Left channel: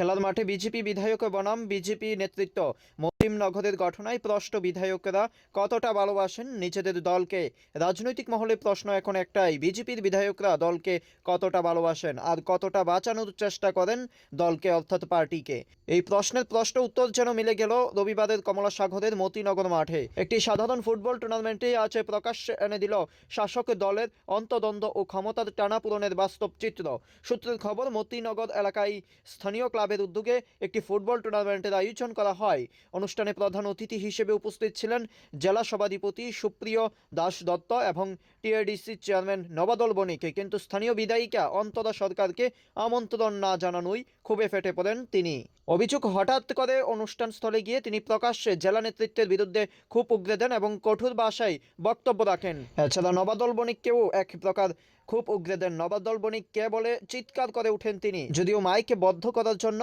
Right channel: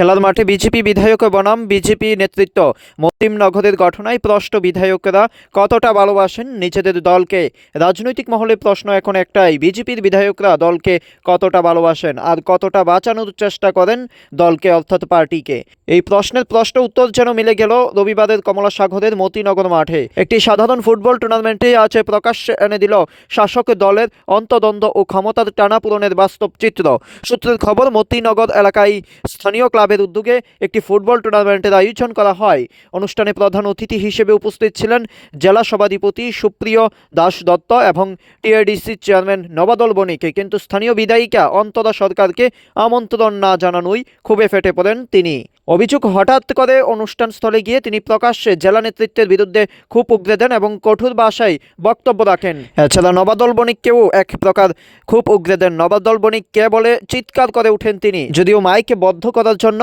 খেলার মাঠে বিজেপি বিধায়ক বনাম বিজেপি নেতৃত্ব মতিমনগরের ঘটনায় প্রশ্ন, বিধায়করা কতটা ভালোবাসেন নিজেদের দলকে? রাজনৈতিক মহলে প্রশ্ন এখন একটাই, বিজেপির বিধায়করা দলকে কতটা ভালোবাসেন আর কতটা বাঁচানোর চেষ্টা করেন দলকে অর্থাৎ পার্টিকে। এই প্রশ্নের উত্তর যেন মিলে গেল রবিবারের কমলা সাগরের মতিনগর মাঠে একটি সাধারণ ফুটবল টুর্নামেন্টে। আজ প্রকাশ্যে এনে দিল শাসক দলের অন্তদ্বন্দ্ব ও ক্ষমতার টানাপোড়েনের বাস্তব চিত্র। সূত্রের খবর, মতিনগর এলাকায় স্থানীয় ক্লাবের উদ্যোগে একটি ফুটবল টুর্নামেন্টের আয়োজন করা হয়। অনুষ্ঠানে প্রধান অতিথি হিসেবে উপস্থিত ছিলেন জেলা সভাধিপতি সুপ্রিয় দাস দত্ত এবং টিআইডিসি চেয়ারম্যান নবাদল বণিক। কিন্তু স্থানীয় বিধায়িকা অন্তরা সরকারকে আমন্ত্রণ না জানানোই ক্ষোভে ফেটে পড়েন তিনি। অভিযোগ, হঠাৎ করে অনুষ্ঠানস্থলে গিয়ে তিনি প্রকাশ্যে জেলা নেতৃত্বের বিরুদ্ধে খুব উগরে দেন এবং কঠোর ভাষায় বক্তব্য রাখেন। এছাড়া নবাদল বণিককেও এক প্রকার খুব উগরে দেন। নবাদল বণিককে বলে চিৎকার করে উঠেন তিনি। যদিও মাইকে বদ্ধ করার জন্য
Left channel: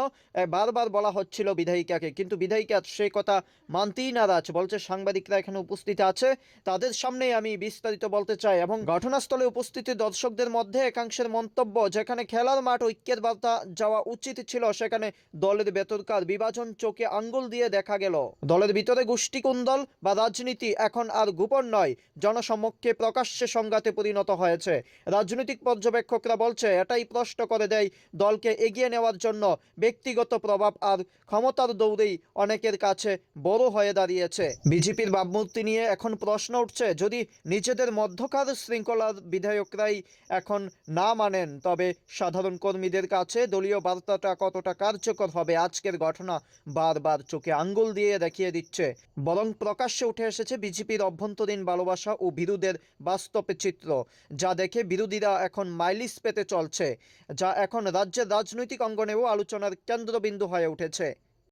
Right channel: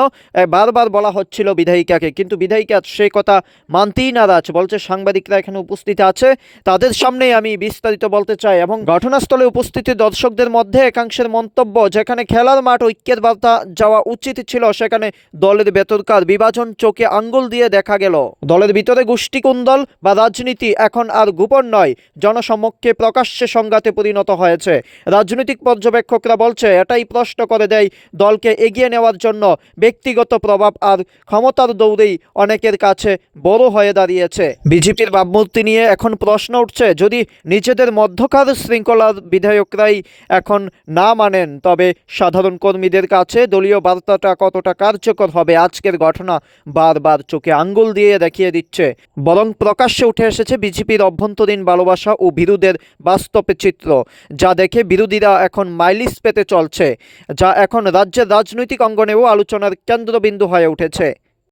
বারবার বলা হচ্ছিল বিধায়িকাকে, কিন্তু বিধায়িকা সে কথা মানতেই নারাজ। বলছে, সাংবাদিকরা এখানে উপস্থিত আছে, তাদের সামনেই আমি বিস্তারিত বলতে চাই। এবং ঘটনাস্থলে উপস্থিত দর্শকদের মধ্যে একাংশের মন্তব্য, যেখানে খেলার মাঠ ঐক্যের বার্তা যাওয়া উচিত ছিল, সেখানে দলের ভেতরকার বিভাজন চোখে আঙ্গুল দিয়ে দেখা গেল। দলের ভিতরে গোষ্ঠী কুন্দল বা রাজনীতি এখন আর গোপন নয়, জনসমক্ষে প্রকাশ্যে সংঘাতে পরিণত হয়েছে। রাজনৈতিক পর্যবেক্ষকরা বলছে, এটাই প্রশ্ন করে দেয় দলকে এগিয়ে নেওয়ার জন্য ব্যক্তিগত প্রভাব আর ক্ষমতার দৌড়েই অনেকের কাছে বড় হয়ে দাঁড়িয়েছে। বিজেপির ভাবমূর্তি নিয়ে এখন প্রশ্ন উঠছে, যদি নিজেদের মধ্যকার শৃঙ্খলার বিধায়করাই এখন না মানেন, তবে সাধারণ কর্মীদের কাছে দলীয় বার্তাটা কতটা কার্যকর হবে? আজকের ঘটনা বারবার চোখে আঙ্গুল দিয়ে দেখিয়ে দিচ্ছে। বরং প্রকাশ্যে উঠে এসেছে বিজেপির অভ্যন্তরীণ ভালোবাসা ও বিরোধের বাস্তব চিত্র, যা দেখে বিরোধীরা এখন মাইলিস পেতে চলছে, যা এখন রাজ্যের রাজনৈতিক অঙ্গনেও আলোচনার কেন্দ্রবিন্দু হয়ে উঠেছে।